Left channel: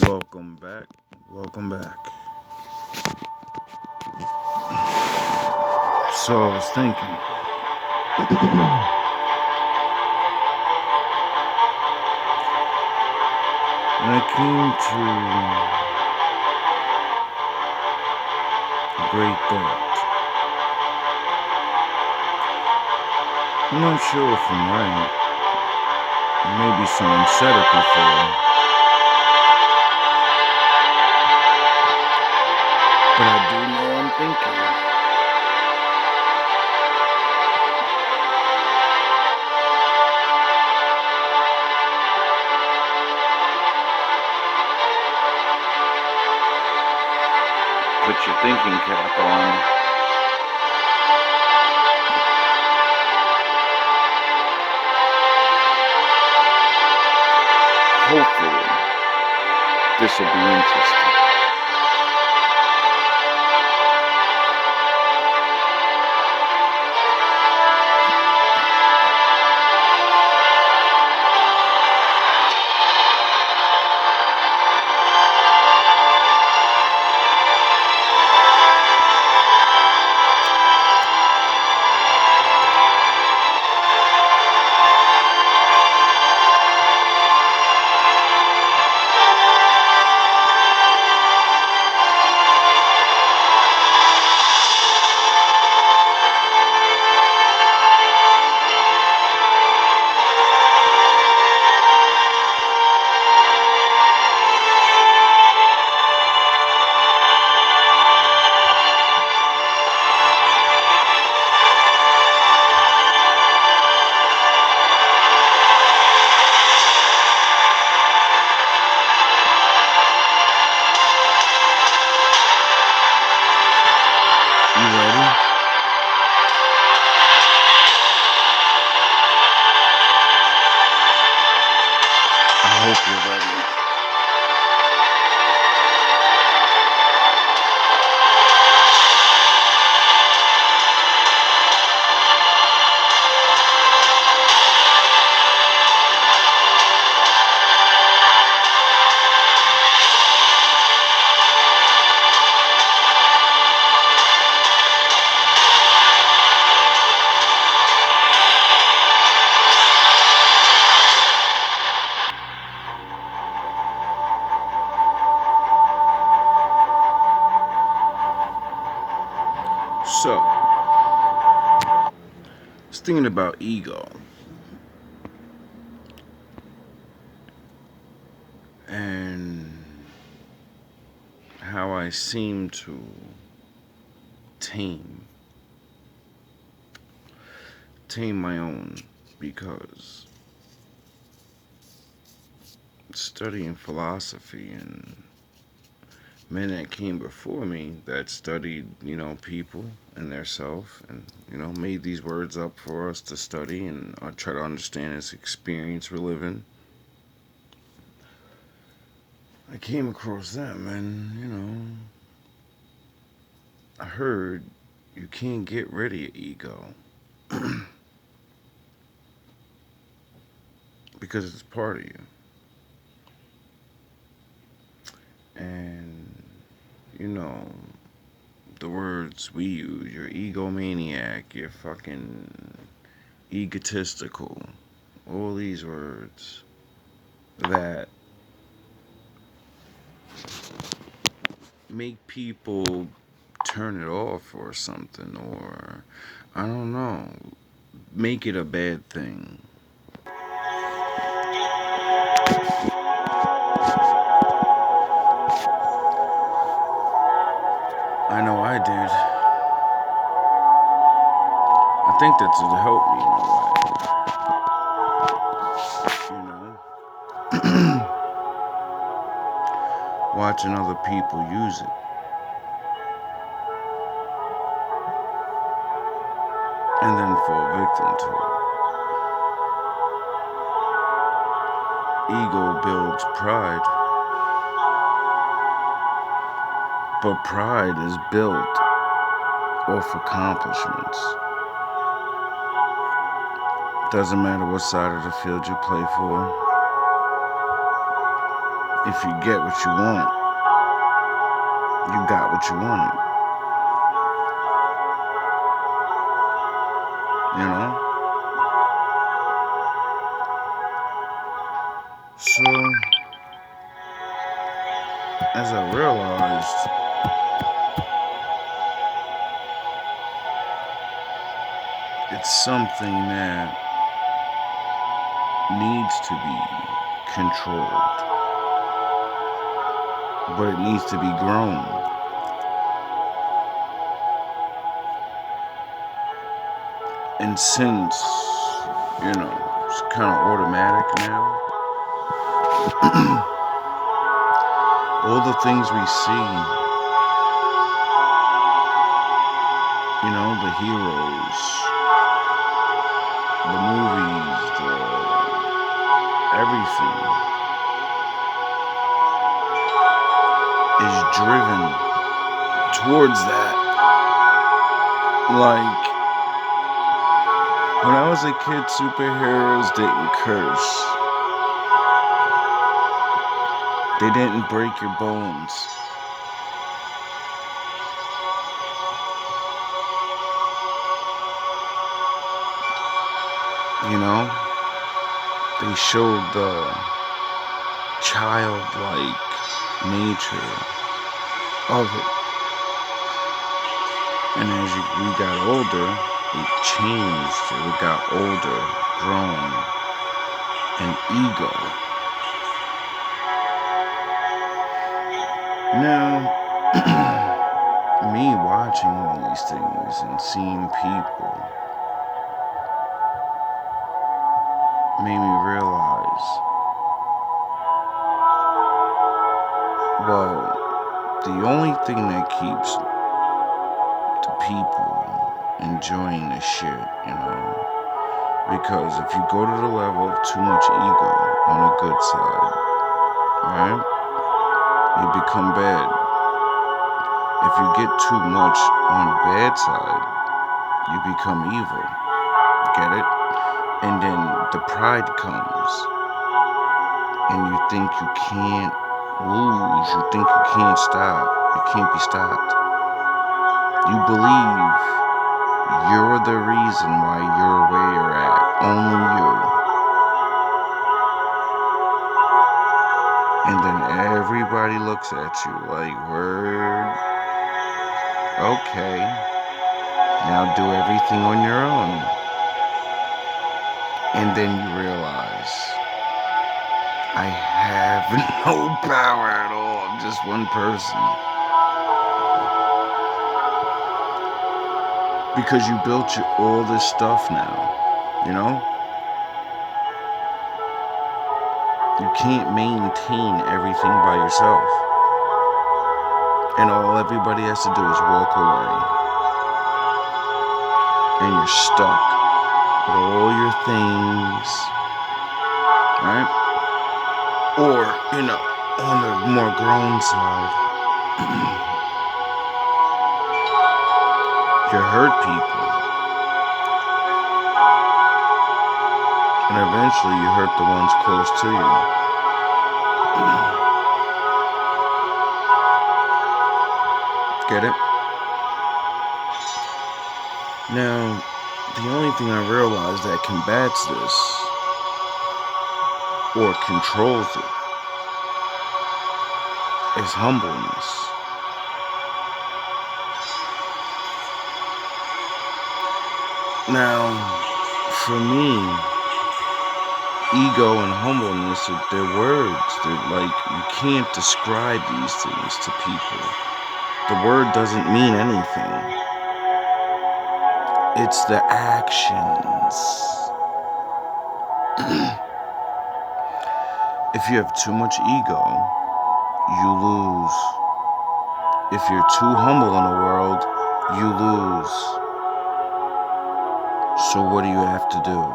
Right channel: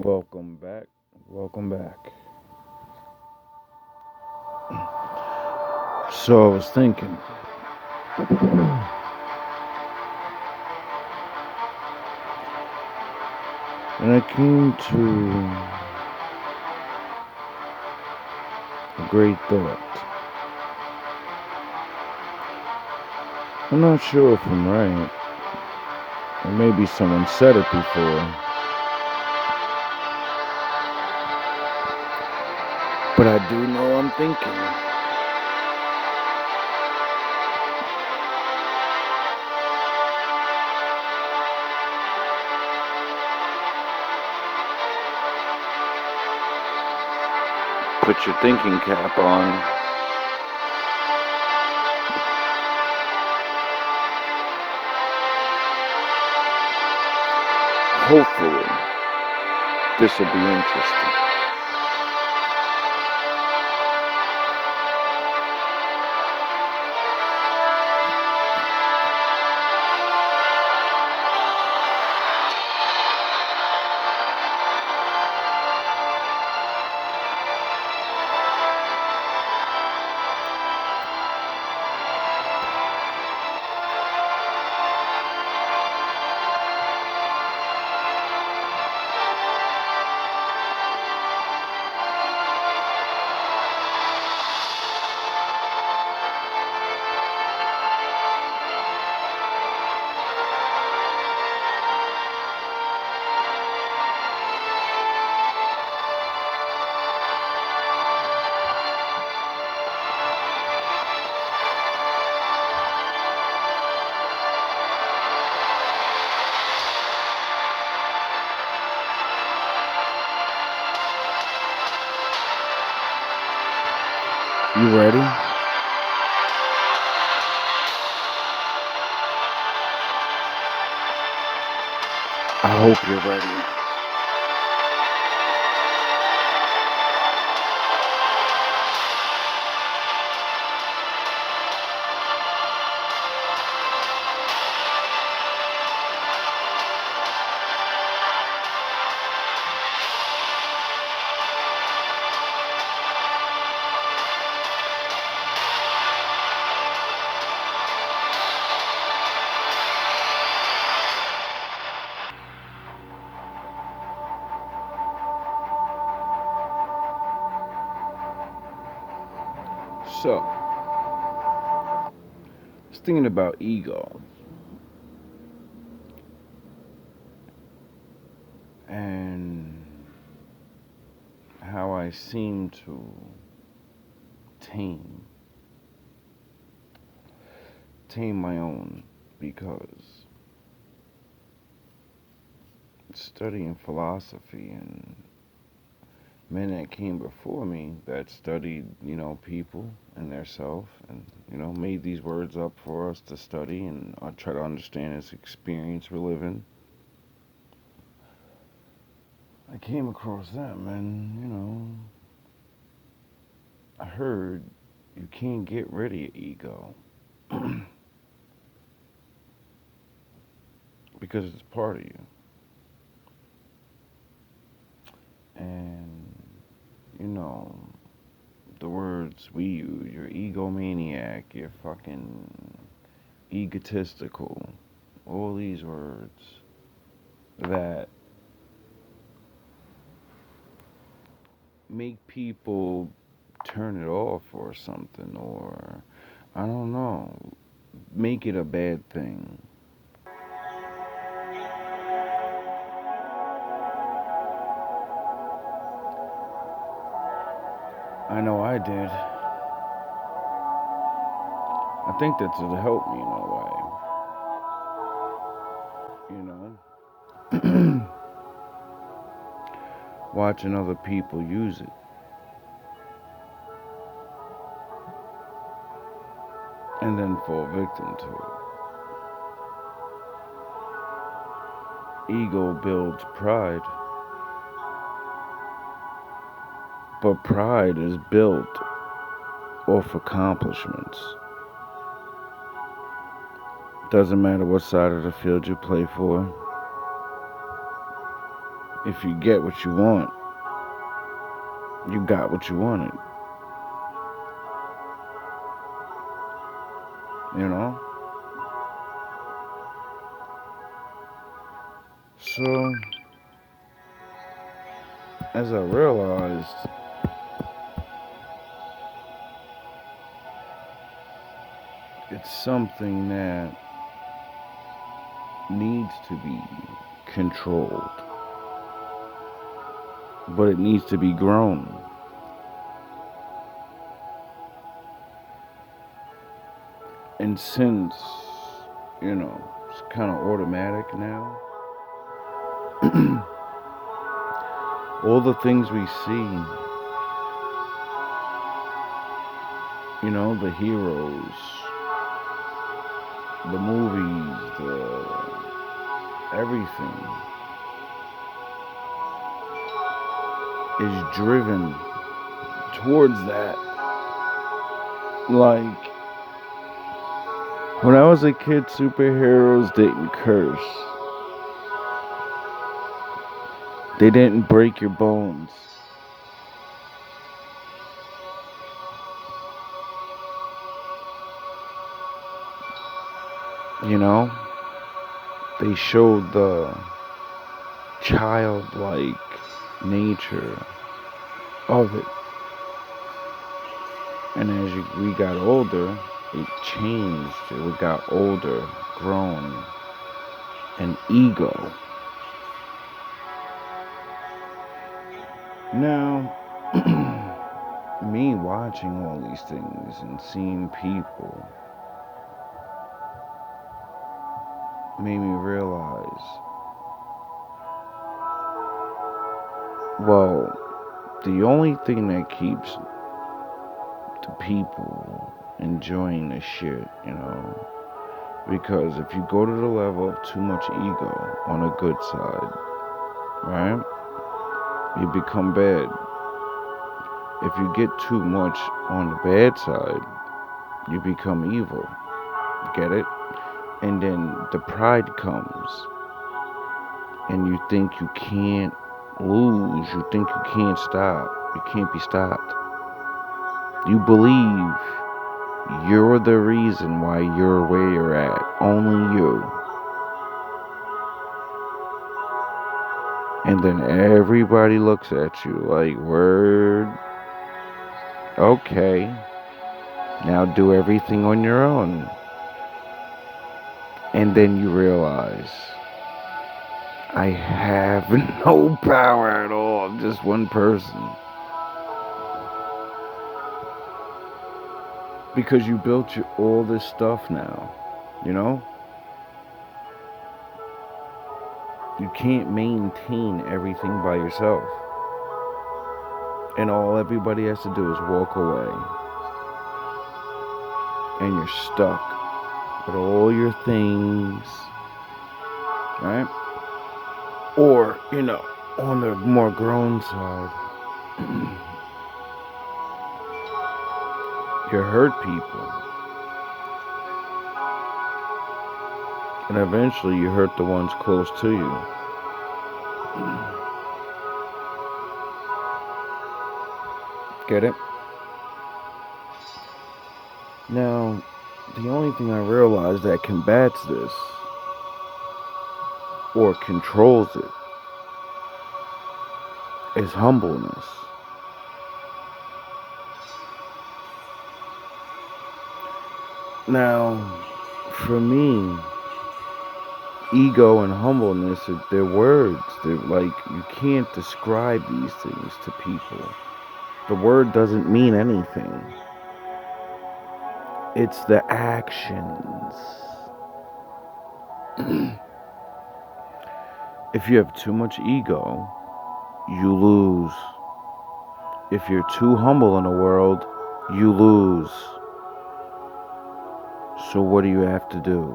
Welcome back. Welcome back. So I was thinking, when I came to a great thought, I'm not sure if I'm right, or maybe someone said it before, but I do know I'm thinking. Put your thinking cap on. Hopefully, this will be interesting. You ready? I hope you're ready. So, I was thinking about ego and how I seem to tame my own, because studying philosophy and men that came before me that studied, people and their self, and made these words up for us to study and try to understand this experience we're living. I came across them, and I heard you can't get rid of your ego because it's part of you. And you know, the words we use, you're egomaniac, you're fucking egotistical, all these words that make people turn it off or something, or I don't know, make it a bad thing. I know I did. I think that's to help me in a way, watching other people use it and then fall victim to it. Ego builds pride, but pride is built off accomplishments. Doesn't matter what side of the field you play for. if you get what you want, you got what you wanted. You know? So, as I realized, it's something that needs to be controlled, but it needs to be grown. And since, it's kind of automatic now, all the things we see, the heroes, the movies, everything is driven towards that. Like, when I was a kid, superheroes didn't curse. They didn't break your bones. You know? They showed the childlike nature of it. And as we got older, it changed. We got older, grown, and ego. Now, me watching all these things and seeing people made me realize, well, the only thing that keeps the people enjoying this shit, because if you go to the level of too much ego on a good side, right, you become bad. If you get too much on the bad side, you become evil. Get it? And then the pride comes, and you think you can't lose. You think you can't stop. You can't be stopped. You believe you're the reason why you're where you're at. Only you. And then everybody looks at you like, word, okay, now do everything on your own. And then you realize, I have no power at all. I'm just one person. Because you built all this stuff now, You can't maintain everything by yourself. And all everybody has to do is walk away. And you're stuck with all your things, right? Or, on the more grown side, you hurt people. And eventually you hurt the ones close to you. Get it? Now, the only thing I realized that combats this, or controls it, is humbleness. Now, for me, ego and humbleness, they're words. They're like, you can't describe these things to people. The word doesn't mean anything. It's the actions. If you have too much ego, you lose. If you're too humble in the world, you lose. So what do you have to do?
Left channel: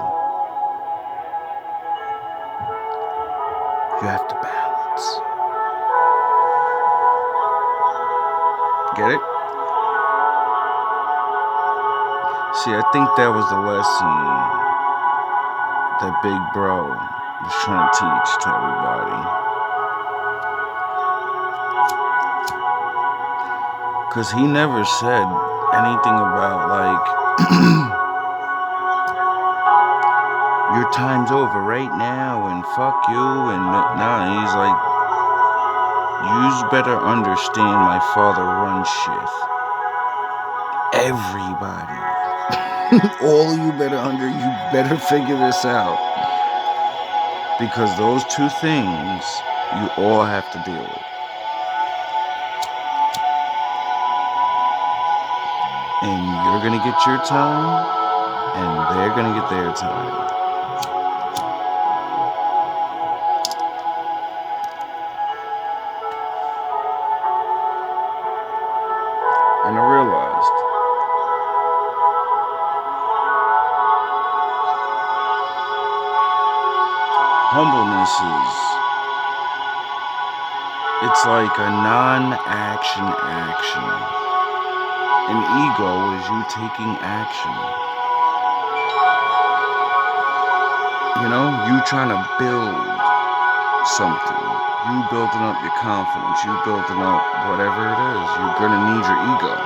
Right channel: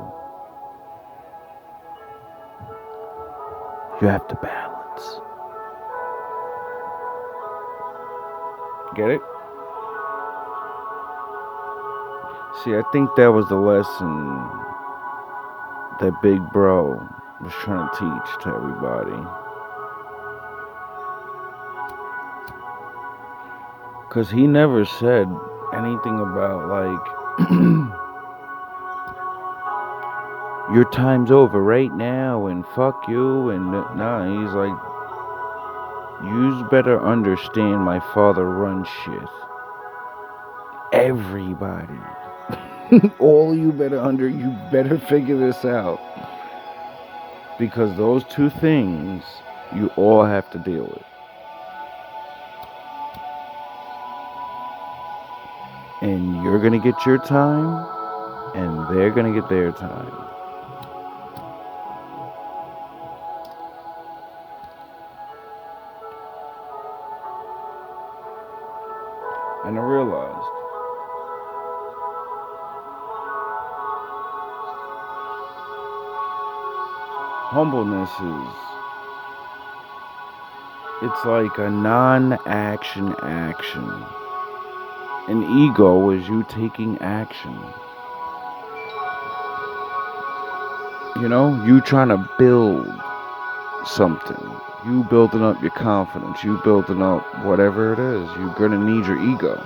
You have to balance. Get it? See, I think that was the lesson that Big Bro was trying to teach to everybody. Because he never said anything about, like, your time's over right now, and fuck you, and nah, he's like, you better understand my father runs shit. Everybody. All you better figure this out. Because those two things, you all have to deal with. And you're gonna get your time, and they're gonna get their time. And I realized, humbleness it's like a non-action action. An ego is you taking action. You know, you trying to build something. You building up your confidence. You building up whatever it is. You're gonna need your ego.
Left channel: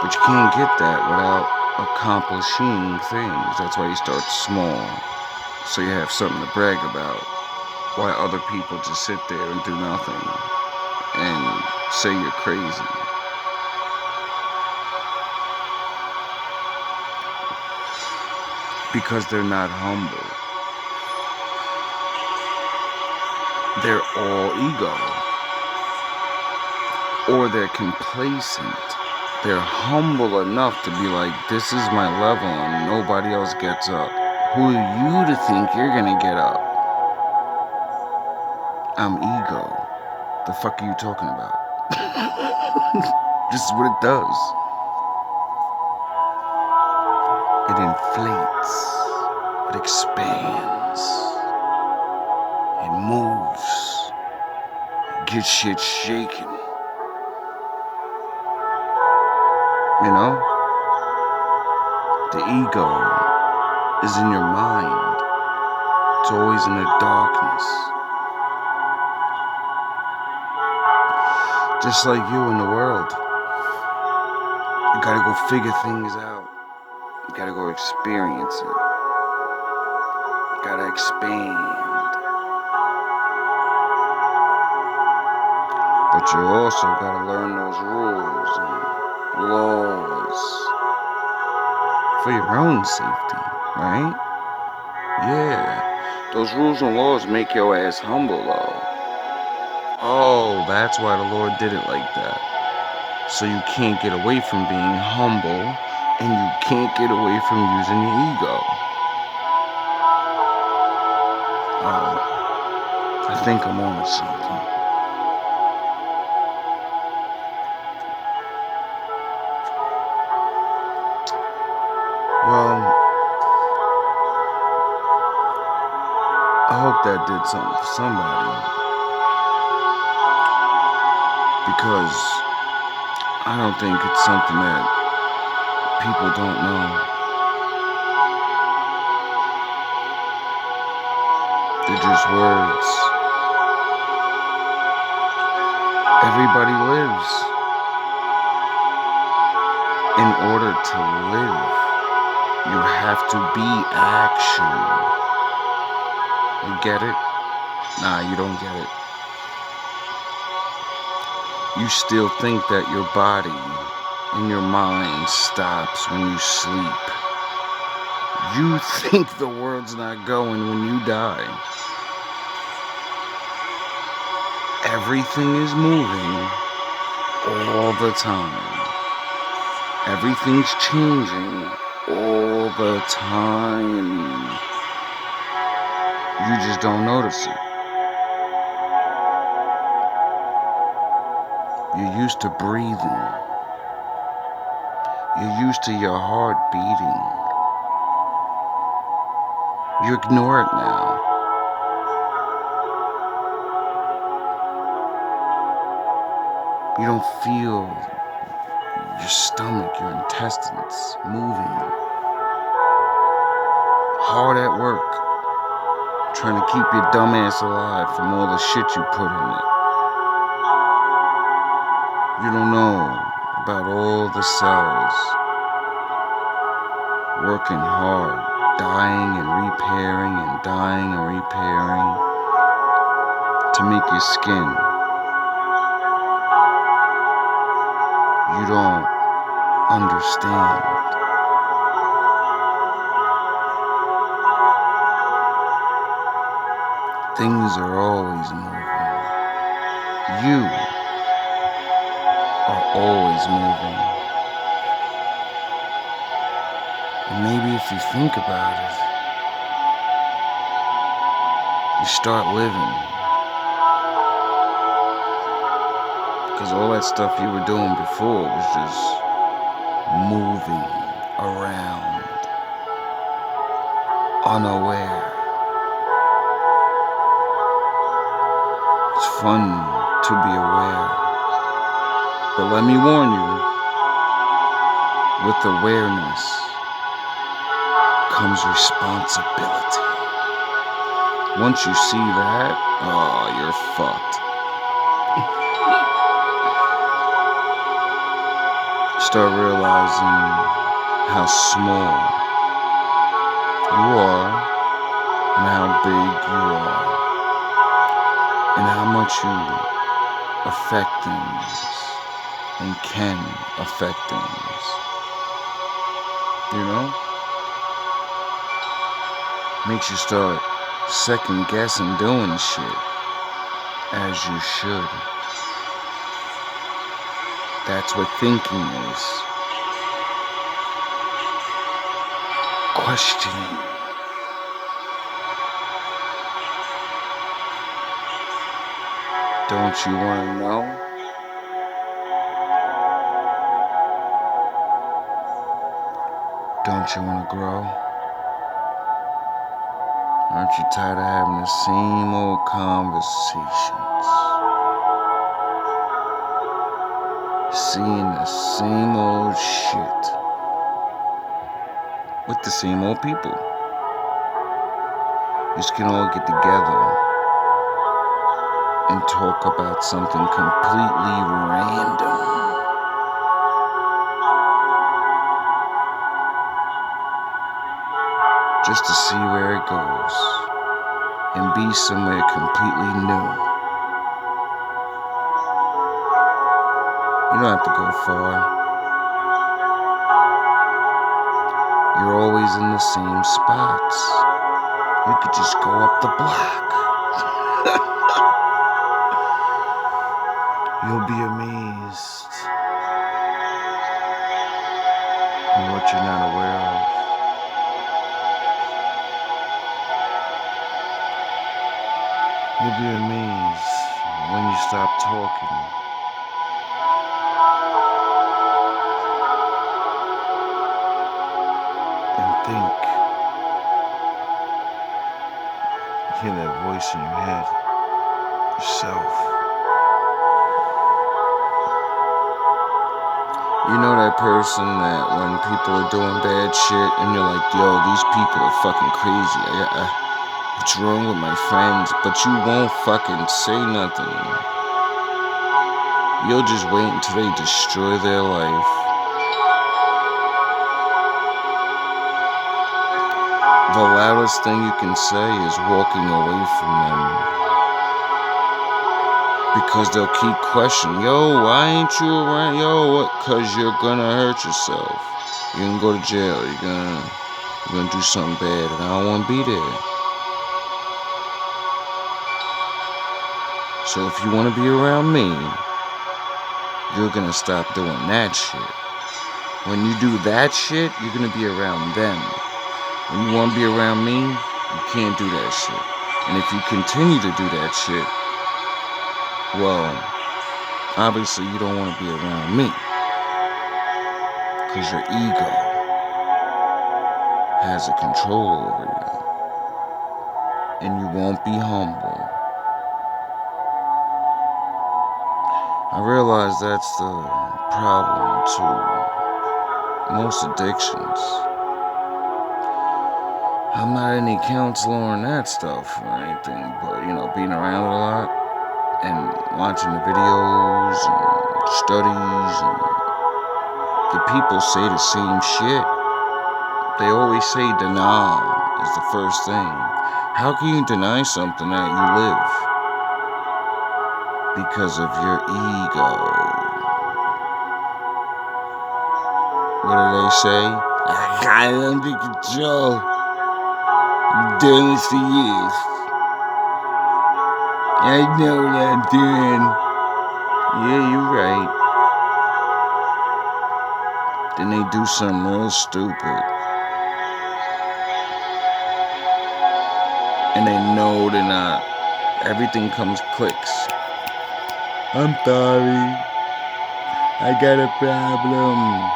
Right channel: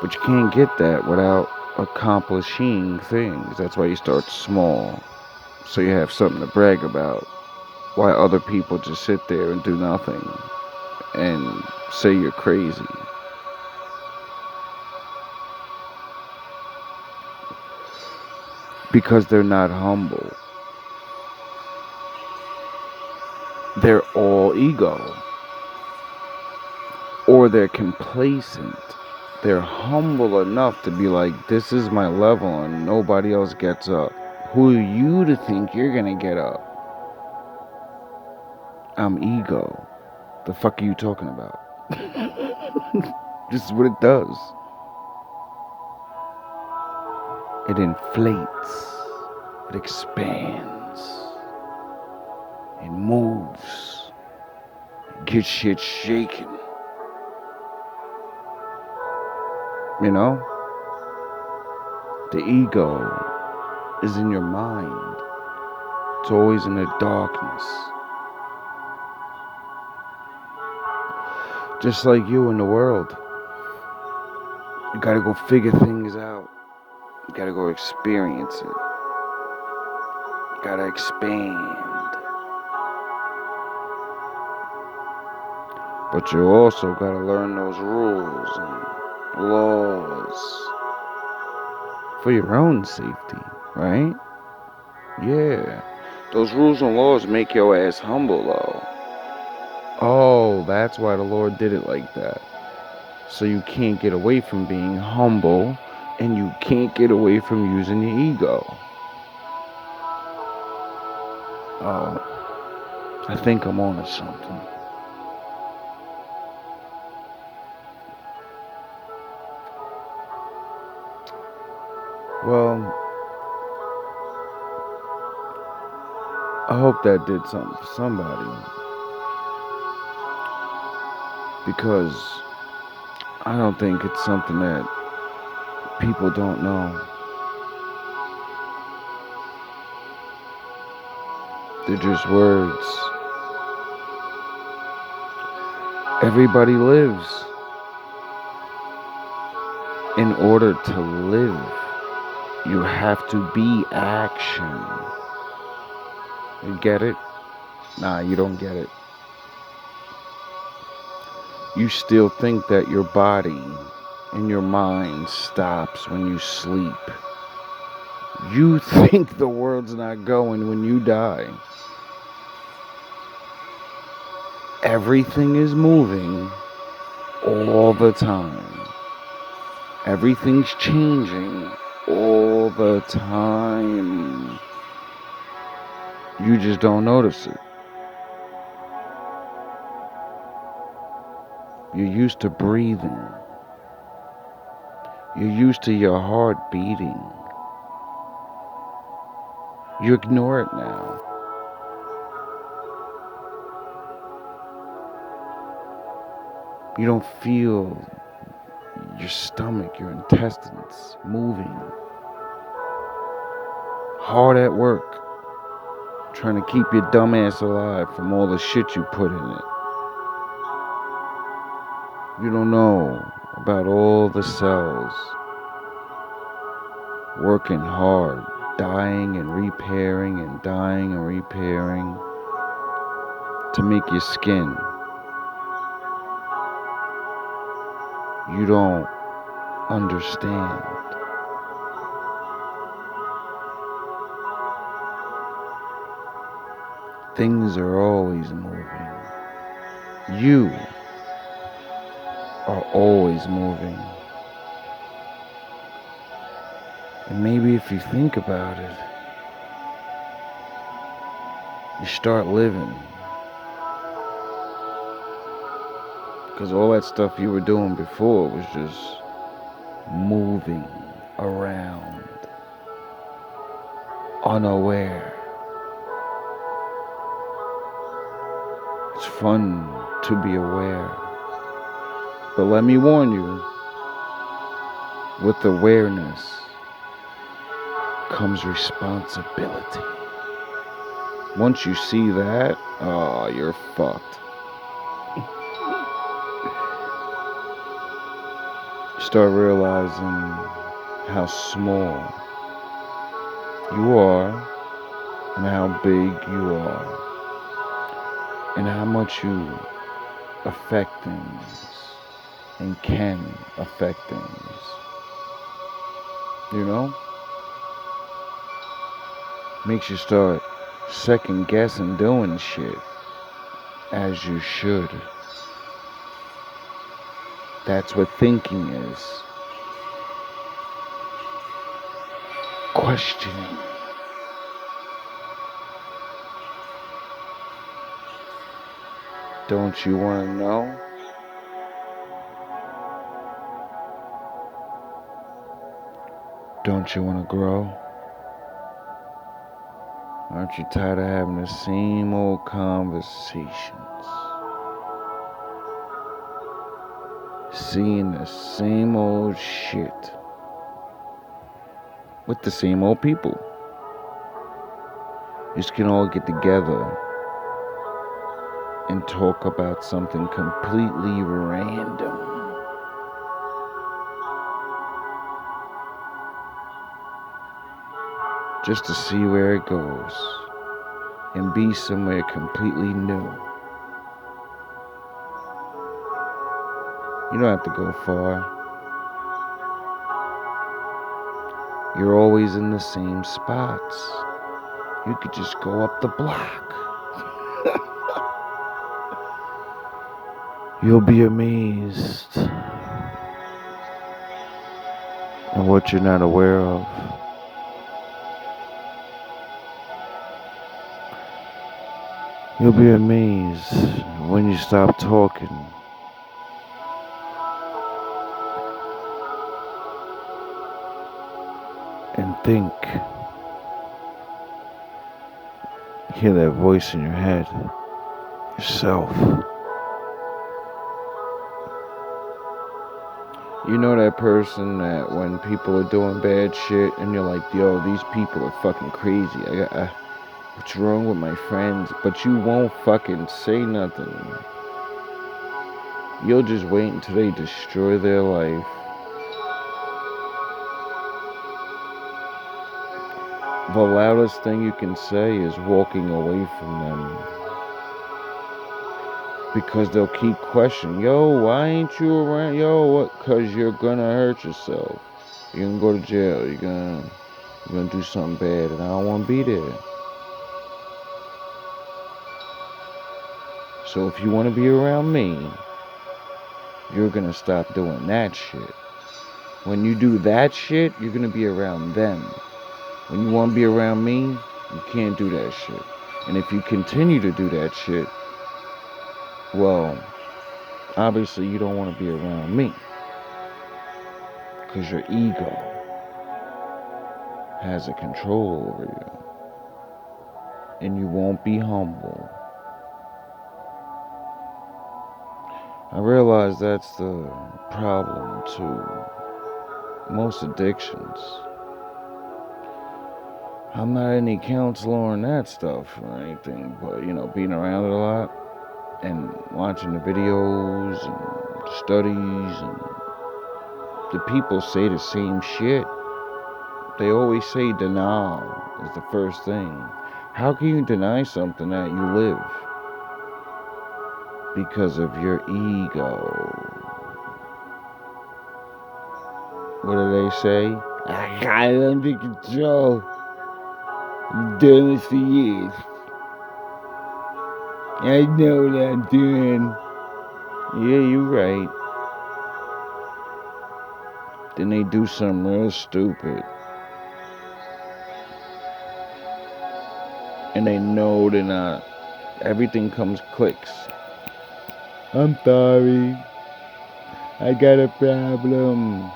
But you can't get that without accomplishing things. That's why you start small. So you have something to brag about. Why other people just sit there and do nothing and say you're crazy. Because they're not humble. They're all ego. Or they're complacent. They're humble enough to be like, this is my level and nobody else gets up. Who are you to think you're gonna get up? I'm ego. The fuck are you talking about? This is what it does. It inflates. It expands. It moves. It gets shit shaken. You know? The ego is in your mind. It's always in the darkness. Just like you in the world. You gotta go figure things out. You gotta go experience it. You gotta expand. But you also gotta learn those rules and laws for your own safety, right? Yeah. Those rules and laws make your ass humble, though. Oh, that's why the Lord did it like that. So you can't get away from being humble, and you can't get away from using your ego. Oh, I think I'm on to something. Well, I hope that did something for somebody. Because I don't think it's something that people don't know. They're just words. Everybody lives. In order to live, you have to be action. You get it? Nah, you don't get it. You still think that your body and your mind stops when you sleep. You think the world's not going when you die. Everything is moving all the time. Everything's changing all the time. You just don't notice it. You're used to breathing. You're used to your heart beating. You ignore it now. You don't feel your stomach, your intestines moving. Hard at work, trying to keep your dumb ass alive from all the shit you put in it. You don't know about all the cells working hard, dying and repairing and dying and repairing to make your skin. You don't understand. Things are always moving. You are always moving. And maybe if you think about it, you start living. Because all that stuff you were doing before was just moving around, unaware. It's fun to be aware. But let me warn you, with awareness comes responsibility. Once you see that, oh, you're fucked. Start realizing how small you are and how big you are and how much you affect things and can affect things. You know? Makes you start second guessing doing shit as you should. That's what thinking is. Questioning. Don't you want to know? Don't you want to grow? Aren't you tired of having the same old conversations? Seeing the same old shit with the same old people. You just can all get together and talk about something completely random. Just to see where it goes and be somewhere completely new. You don't have to go far. You're always in the same spots. You could just go up the block. You'll be amazed at what you're not aware of. You'll be amazed when you stop talking. And think. Hear that voice in your head. Yourself. You know that person that when people are doing bad shit and you're like, yo, these people are fucking crazy. What's wrong with my friends? But you won't fucking say nothing. You'll just wait until they destroy their life. The loudest thing you can say is walking away from them. Because they'll keep questioning, yo, why ain't you around? Yo, what? Because you're gonna hurt yourself. You're gonna go to jail. You're gonna do something bad, and I don't want to be there. So if you want to be around me, you're gonna stop doing that shit. When you do that shit, you're gonna be around them. When you want to be around me, you can't do that shit. And if you continue to do that shit, well, obviously you don't want to be around me. Because your ego has a control over you. And you won't be humble. I realize that's the problem to most addictions. I'm not any counselor on that stuff or anything, but, being around it a lot and watching the videos and studies and the people say the same shit. They always say denial is the first thing. How can you deny something that you live? Because of your ego. What do they say? I got it under control. I'm doing this for years. I know what I'm doing. Yeah, you're right. Then they do something real stupid. And they know they're not. Everything comes clicks. I'm sorry. I got a problem.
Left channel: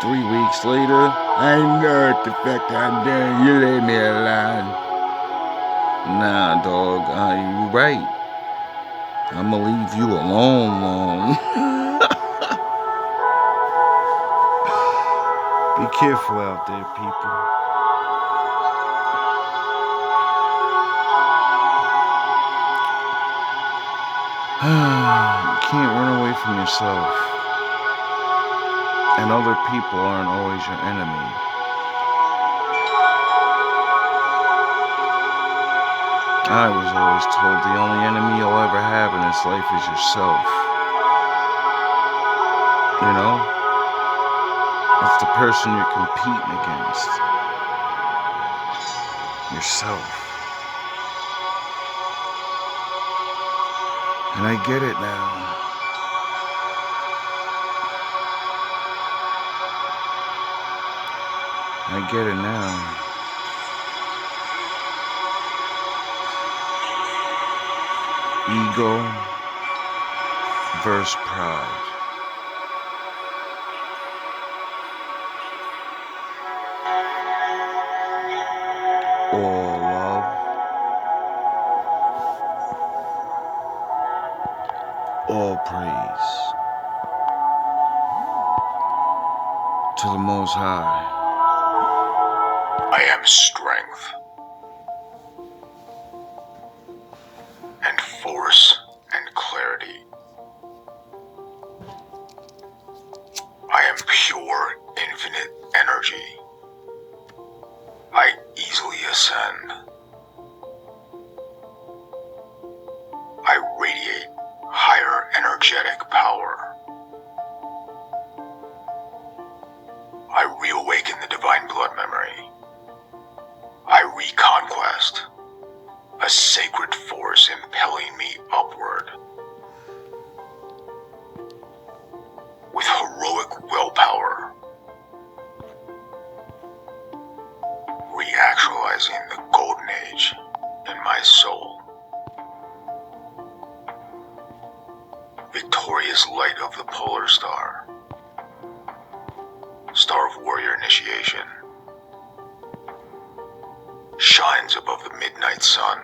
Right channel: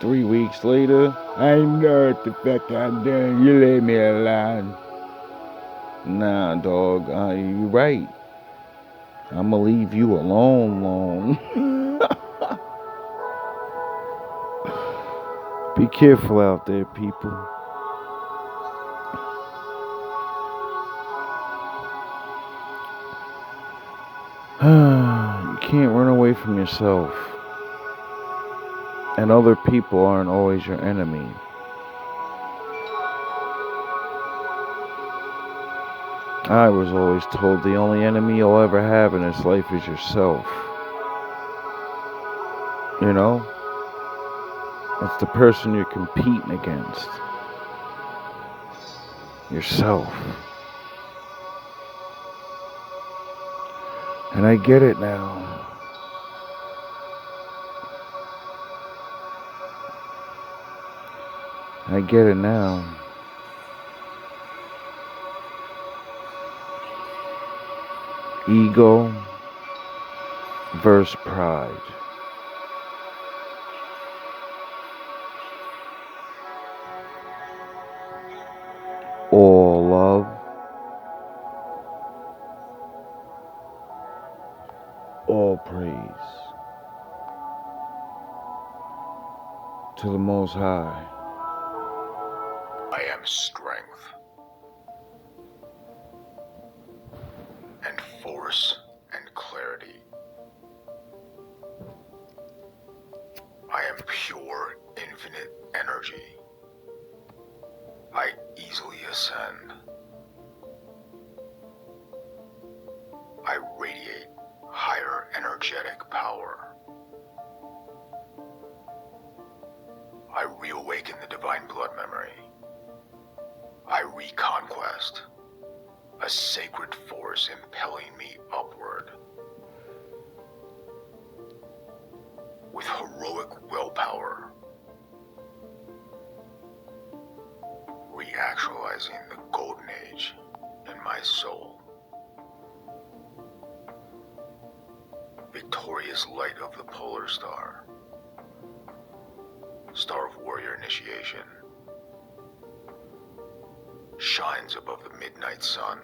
3 weeks later, I know what the fuck I'm doing. You leave me alone. Nah, dog. You're right. I'ma leave you alone. Be careful out there, people. You can't run away from yourself. And other people aren't always your enemy. I was always told the only enemy you'll ever have in this life is yourself. You know? It's the person you're competing against. Yourself. And I get it now. I get it now. Ego versus pride. All love. All praise. To the Most High. I am strength and force and clarity. I am pure, infinite energy. I easily ascend. I radiate higher energetic power. I reawaken the divine blood memory. I reconquest a sacred force impelling me upward. With heroic willpower, reactualizing the golden age in my soul. Victorious light of the polar star, star of warrior initiation, shines above the midnight sun.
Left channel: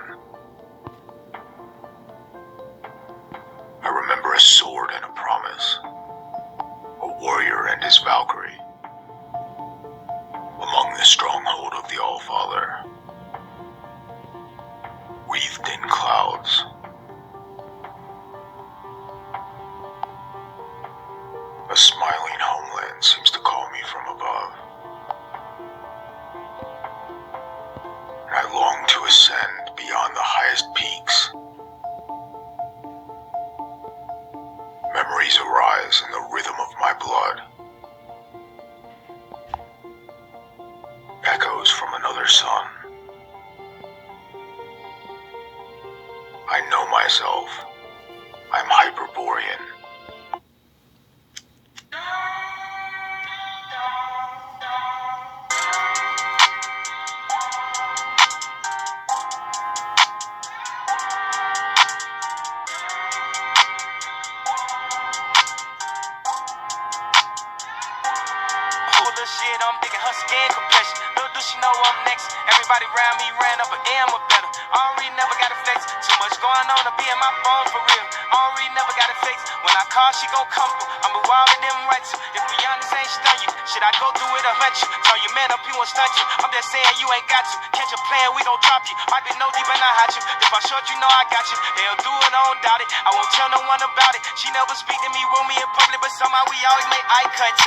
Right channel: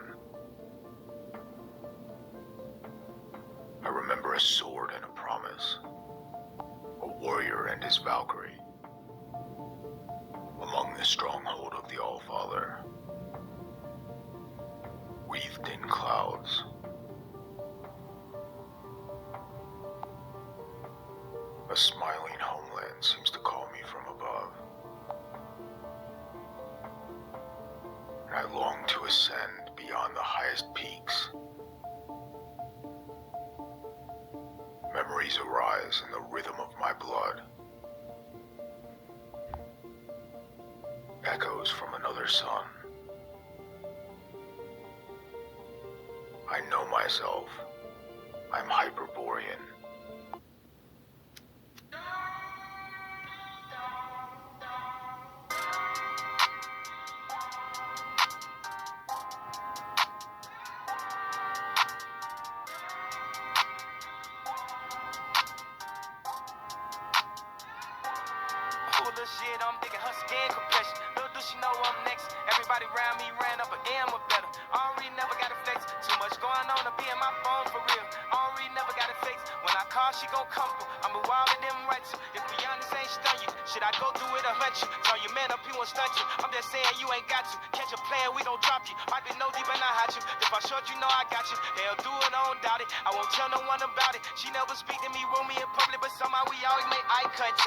I remember a sword and a promise, a warrior and his Valkyrie, among the stronghold of the All-Father, wreathed in clouds. A smiling homeland seems to call me from above, and I long to ascend beyond the highest peaks. Memories arise in the rhythm of my blood. Echoes from another sun. I know myself. I'm Hyperborean. Shit, I'm digging her skin compression. Little do she know I'm next. Everybody around me ran up an M or better. Already never got a flex. Too much going on to be in my phone for real. Already never got a flex. When I call, she gon' come through. I'm a wild in them rights. If we honest, ain't stun you. Should I go through it or hunt you? Tell your man up, he won't stunt you. I'm just saying you ain't got to. Catch a plan, we gon' drop you. Might be no deep and I hide you. If I short, you know I got you. They'll do it, I don't doubt it. I won't tell no one about it. She never speak to me, room me in public, but somehow we always make eye contact.